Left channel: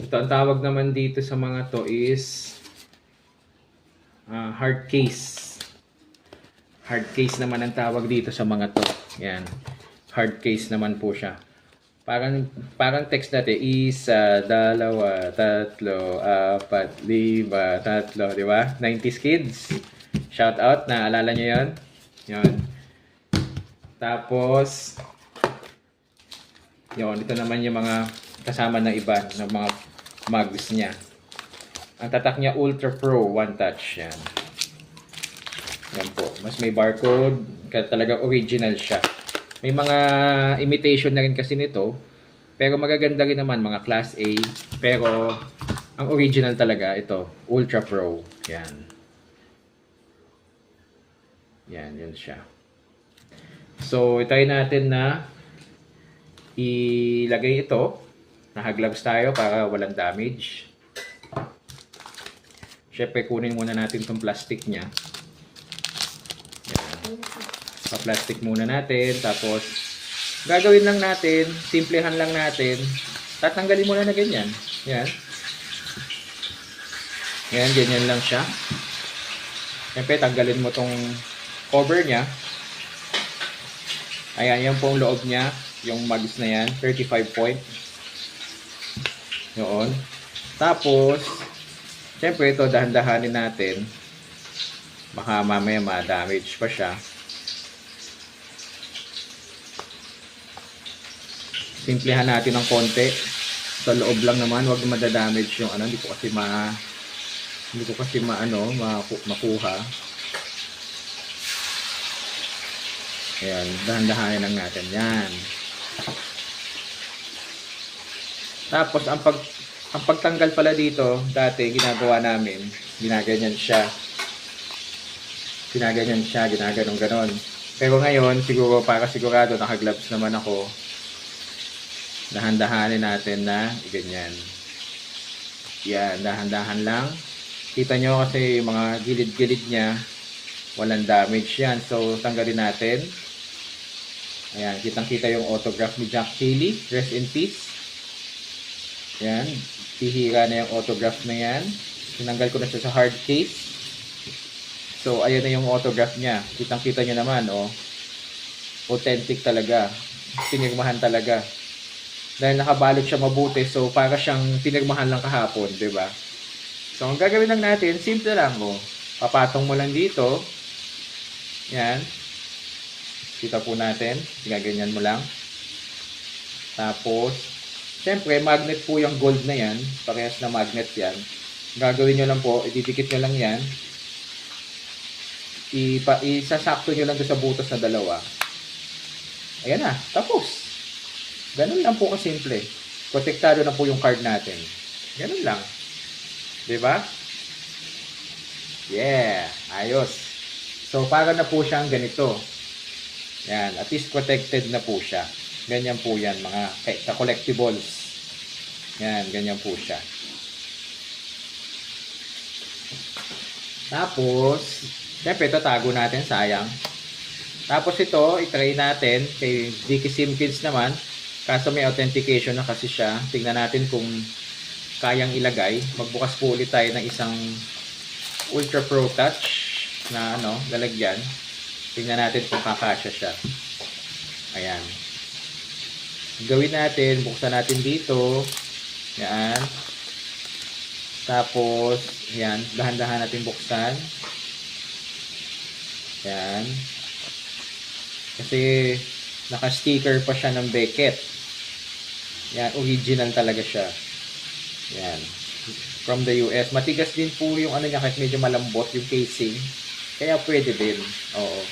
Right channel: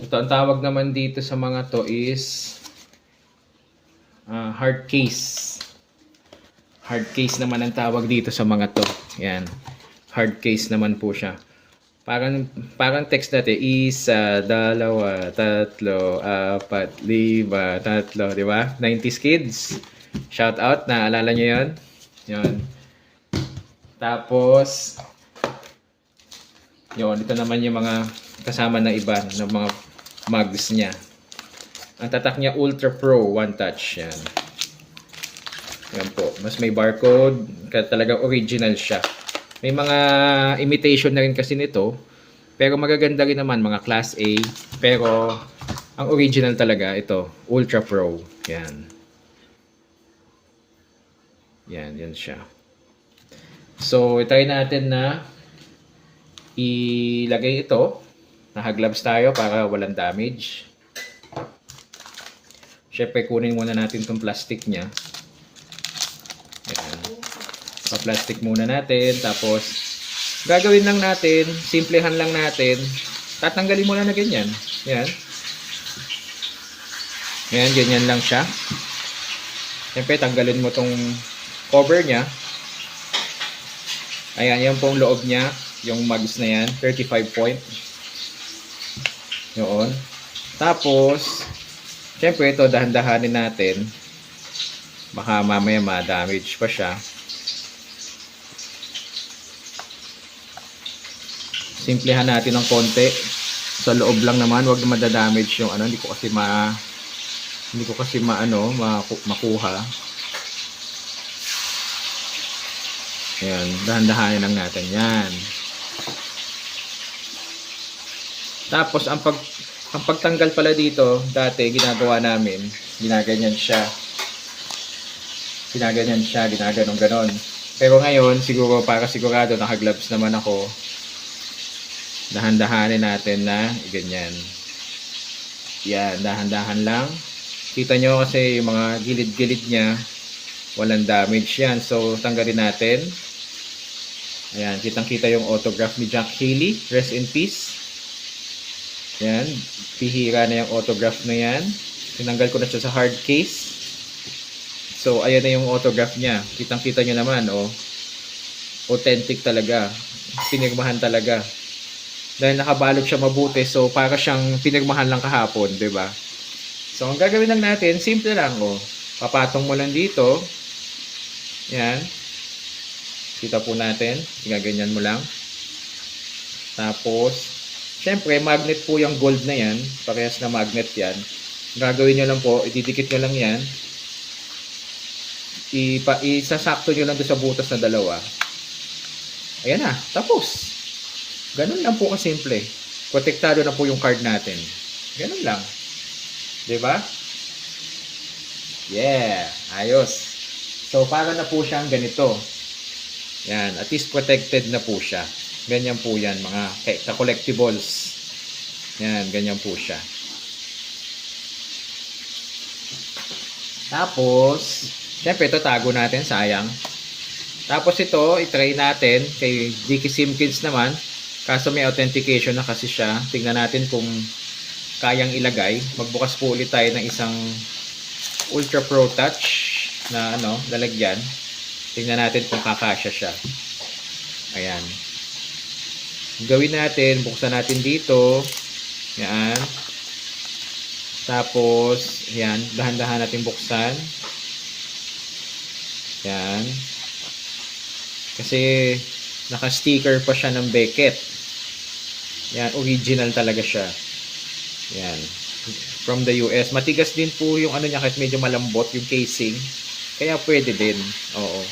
Ito, ang tawag naman dito sa mga to is hard case. Hard case naman ang tawag dito sa mga to. Yan. Hard case naman po siya. Parang text natin, isa, dalawa, tatlo, apat, lima, tatlo, di ba? 90s kids. Shout out, naalala nyo yun? Yun. Tapos, yun, ito naman yung mga kasama na iba ng mga mugs niya. Ang tatak niya Ultra Pro One Touch. Yan. Yan po. Mas may barcode. Talagang original siya. May mga imitation na rin kasi nito. Pero magaganda rin naman mga Class A. Pero ang original talaga ito. Ultra Pro. Yan. Yan. Yan siya. So, try natin na ilagay ito. Naka-gloves tayo para walang damage. Siyempre, kunin muna natin itong plastic niya. Ayan. Pa-plastic muna natin. Tapos, gagawin lang natin, simplehan lang natin. Tatanggalin mo na ganyan. Yan. Yan, ganyan lang siya. Siyempre, tanggalin mo itong cover niya. Ayan, yan po ang loob niya. Yung mugs na yan. 35 point. Yun. Tapos, siyempre ito, dahan-dahanin natin. Baka mamaya ma-damage pa siya. Simplehan natin ng konti. Sa loob lang naman, wag madadamage yung ano. Hindi ko kasi makuha. Ayan, dahan-dahanin lang natin. Yan. Tapos, ang pagtanggal pala dito, dati, ginagawa namin, ginaganyan siya, ginaganon-ganon. Pero ngayon, siguro, para sigurado, naka-gloves naman ako, dahan-dahanin natin na, ganyan. Yan, dahan-dahan lang. Kita nyo kasi, yung mga gilid-gilid niya, walang damage yan. So, tanggalin natin. Ayan, kitang-kita yung autograph ni Jack Haley. Rest in peace. Yan, pihira na yung autograph na yan. Tinanggal ko na siya sa hard case. So, ayan na yung autograph niya. Kitang-kita nyo naman, oh. Authentic talaga. Pinirmahan talaga. Dahil nakabalot siya mabuti, so para siyang pinirmahan lang kahapon, 'di ba? So, ang gagawin lang natin, simple lang, oh. Papatong mo lang dito. Yan. Kita po natin. Gaganyan mo lang. Tapos, siyempre, magnet po yung gold na yan. Parehas na magnet yan. Gagawin nyo lang po, ididikit nyo lang yan. Isasakto nyo lang doon sa butas na dalawa. Ayan na, tapos. Ganun lang po kasimple. Protektado na po yung card natin. Ganun lang. Diba? Yeah, ayos. So, para na po siyang ganito. Yan, at least protected na po siya. Ganyan po yan, mga sa collectibles. Yan, ganyan po siya. Tapos, siyempre ito tago natin, sayang. Tapos ito, itry natin kay Dicky Simpkins naman. Kaso may authentication na kasi siya. Tingnan natin kung kayang ilagay. Magbukas po ulit tayo ng isang Ultra Pro Touch na lalagyan. Tingnan natin kung kakasya siya. Ayan. Gawin natin, buksan natin dito. Yan. Tapos, yan, dahan-dahan natin buksan. Yan. Kasi, naka-sticker pa siya ng Beckett. Yan, original talaga siya. Yan. From the US. Matigas din po yung ano niya, kahit medyo malambot yung casing. Kaya pwede din. Oo.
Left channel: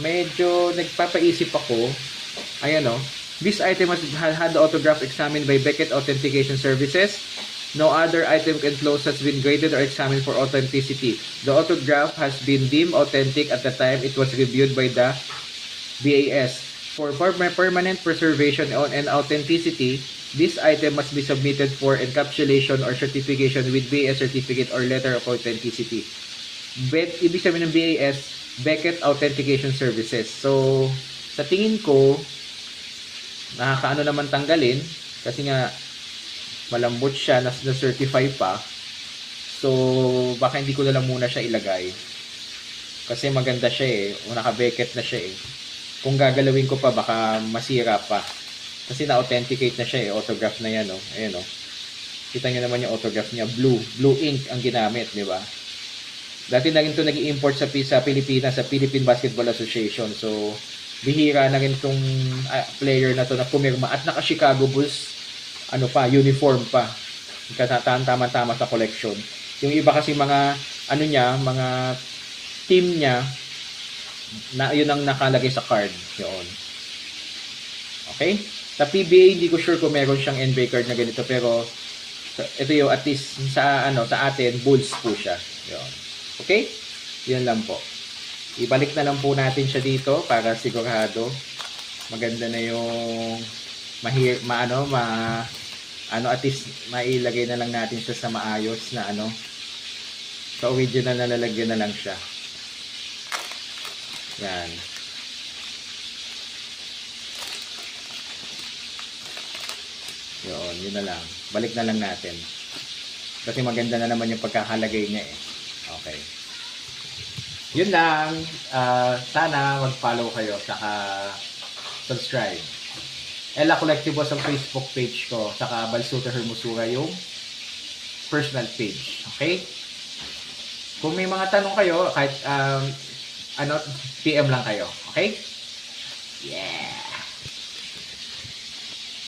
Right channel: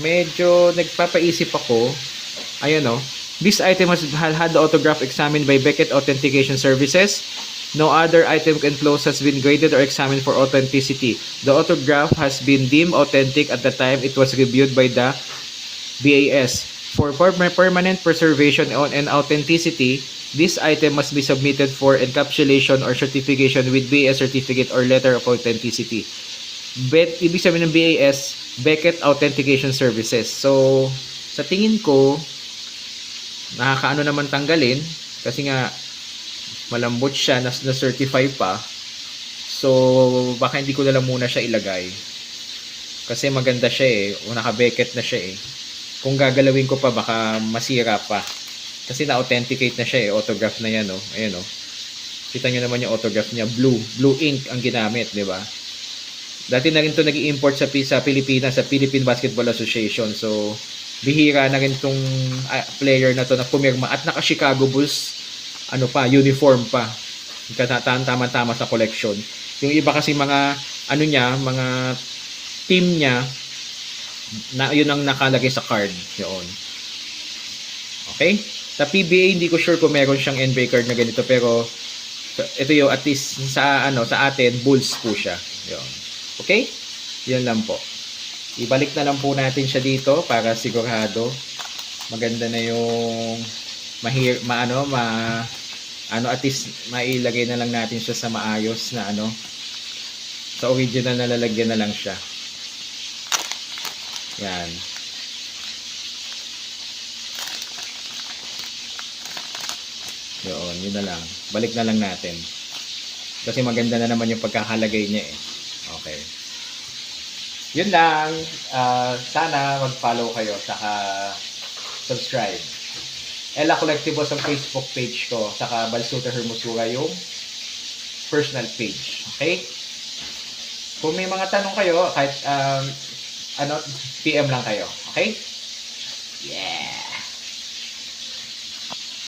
Medyo nagpapaisip ako. Ayan o. This item has had the autograph examined by Beckett Authentication Services. No other item enclosed has been graded or examined for authenticity. The autograph has been deemed authentic at the time it was reviewed by the BAS. For permanent preservation and authenticity, this item must be submitted for encapsulation or certification with BAS certificate or letter of authenticity. Ibig sabihin ng BAS, Beckett Authentication Services. So, sa tingin ko, nakakaano naman tanggalin kasi nga Malambot siya, na-certify pa. So, baka hindi ko na lang muna siya ilagay. Kasi maganda siya eh. O naka-Beckett na siya eh. Kung gagalawin ko pa, baka masira pa. Kasi na-authenticate na siya eh. Autograph na yan, oh. Ayan, oh. Kita nyo naman yung autograph niya. Blue ink ang ginamit, di ba? Dati na rin ito nag-i-import sa Pilipinas, sa Philippine Basketball Association. So, bihira na rin itong player na to na pumirma. At naka-Chicago Bulls, uniform pa. Tama-tama sa collection. Yung iba kasi mga, mga team niya, na yun ang nakalagay sa card. Yun. Okay? Sa PBA, hindi ko sure kung meron siyang NBA card na ganito, pero ito yung at least sa atin, Bulls po siya. Yun. Okay? Yan lang po. Ibalik na lang po natin siya dito para sigurado maganda na yung at least mailagay na lang natin siya sa maayos na sa original na lalagyan na lang siya. Yan. Yun na lang. Balik na lang natin. Kasi maganda na naman yung pagkakalagay niya eh. Okay. Yun lang. Sana mag-follow kayo. Saka subscribe. Ella Collectibles ang Facebook page ko. Saka Balsuta Hermosura yung personal page. Okay? Kung may mga tanong kayo, kahit PM lang kayo. Okay? Yeah!